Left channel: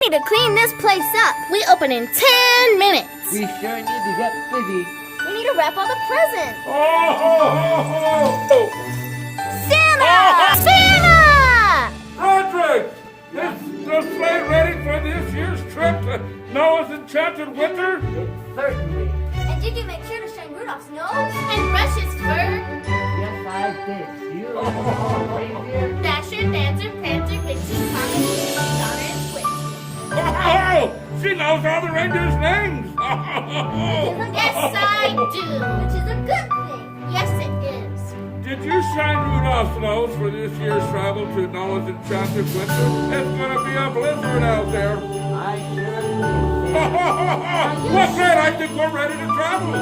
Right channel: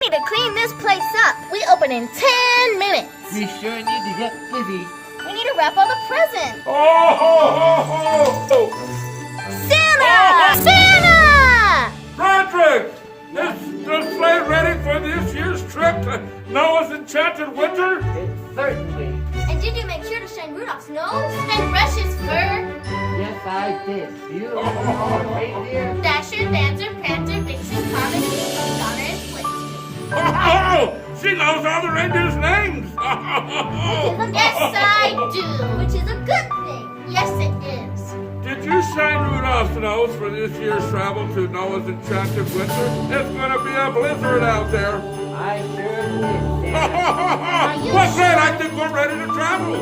Need to clean this place up. We open in 10 minutes. We sure need to get busy. We need to wrap all the presents. Oh, ho, ho, ho. Santa! Santa! Frederick! Is the sleigh ready for this year's trip to Noah's Enchanted Winter? It certainly. And did you make sure to shine Rudolph's nose and brush his fur? Yes, I did. You listen to all the reindeer? Dasher, Dancer, Prancer, Vixen, Comet, Donner, and Blitzen. Oh, she knows all the reindeer's names. Yes, I do. Which is a good thing. Yes, it is. Did you shine Rudolph's nose for this year's travel to Noah's Enchanted Winter? It's going to be a blizzard out there. I sure did. Well, great. I think we're ready to travel.